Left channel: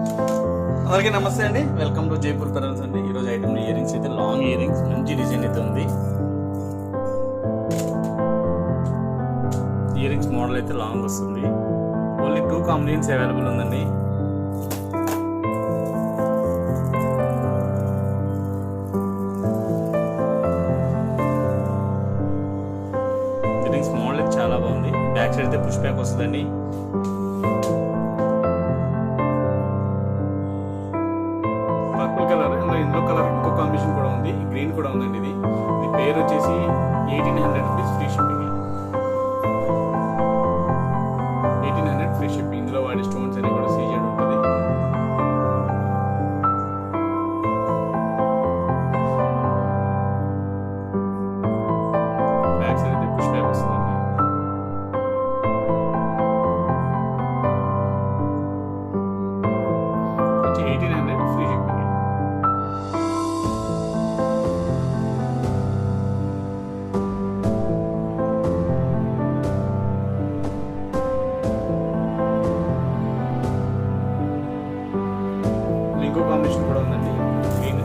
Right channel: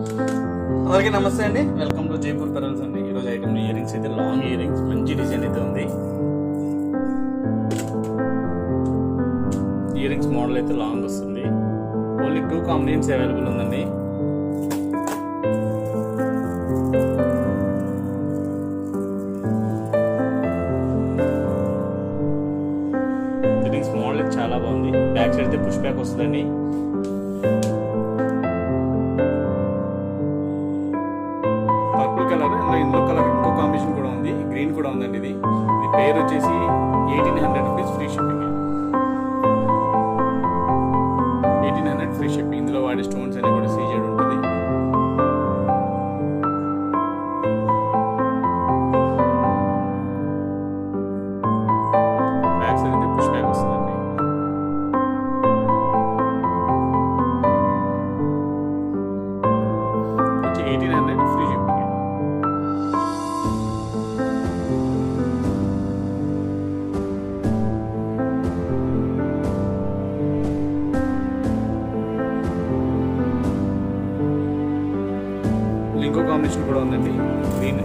అందరికీ నమస్తే అండి. వెల్కమ్ టు జైపూర్ పెరల్స్ అండి. ఈరోజు ఐటమ్ ఇయర్ రింగ్స్ అయితే లాంగ్ ఇయర్ రింగ్స్ మంచి డిజైన్ అయితే ఉంది. ఇయర్ రింగ్స్ మోడల్ అయితే లాంగ్ వస్తుంది. ఓన్లీ టూ కాంబినేషన్స్ అవైలబుల్ ఉందండి. ఇయర్ రింగ్స్ మోడల్ అయితే చాలా బాగుంది. బ్యాక్ సైడ్ అయితే పుష్ బ్యాక్ వస్తుందండి. పర్పుల్ కలర్ ఇందులో కలర్ ఇంకో కాంబినేషన్ కూడా ఉంది. గ్రీన్ కూడా ఉందండి ఇది. ఇది పేరు వచ్చేసి eighteen hundred rupees free shipping. ఇంకో కాంబినేషన్ కూడా ఉందండి. గ్రీన్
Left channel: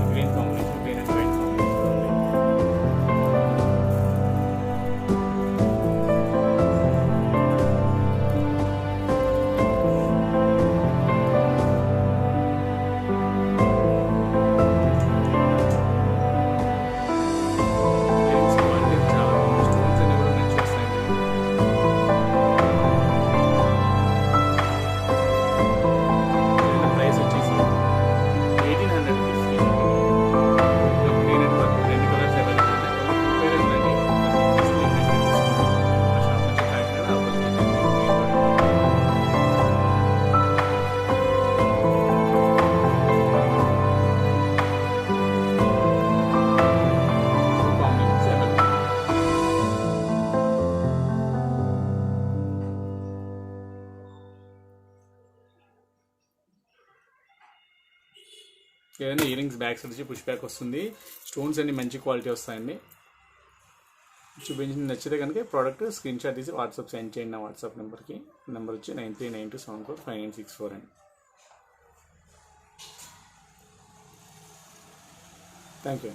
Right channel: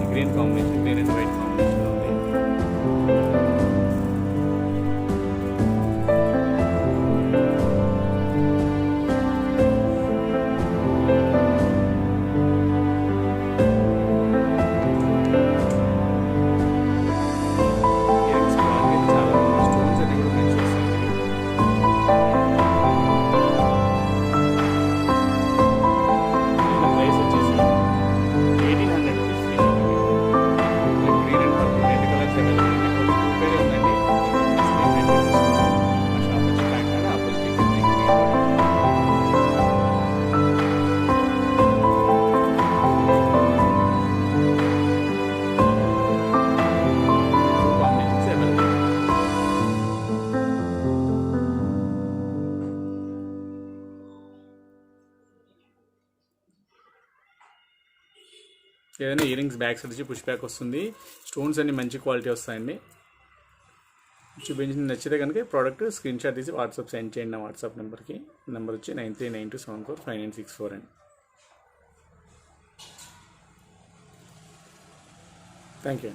ఏదైనా ఇయర్ బ్యాక్ సైడ్ వచ్చి పుష్ బ్యాక్ వస్తుంది. స్టోన్స్ అన్ని మంచి క్వాలిటీ వస్తాయండి. చూపించింది నచ్చితే కనుక ప్రోడక్ట్ స్క్రీన్ షాట్ తీసి వాట్సాప్ సెండ్ చేయండి నా వాట్సాప్ నెంబర్కి నెంబర్ వచ్చి nine three nine two seven four five nine six four అండి. Thank you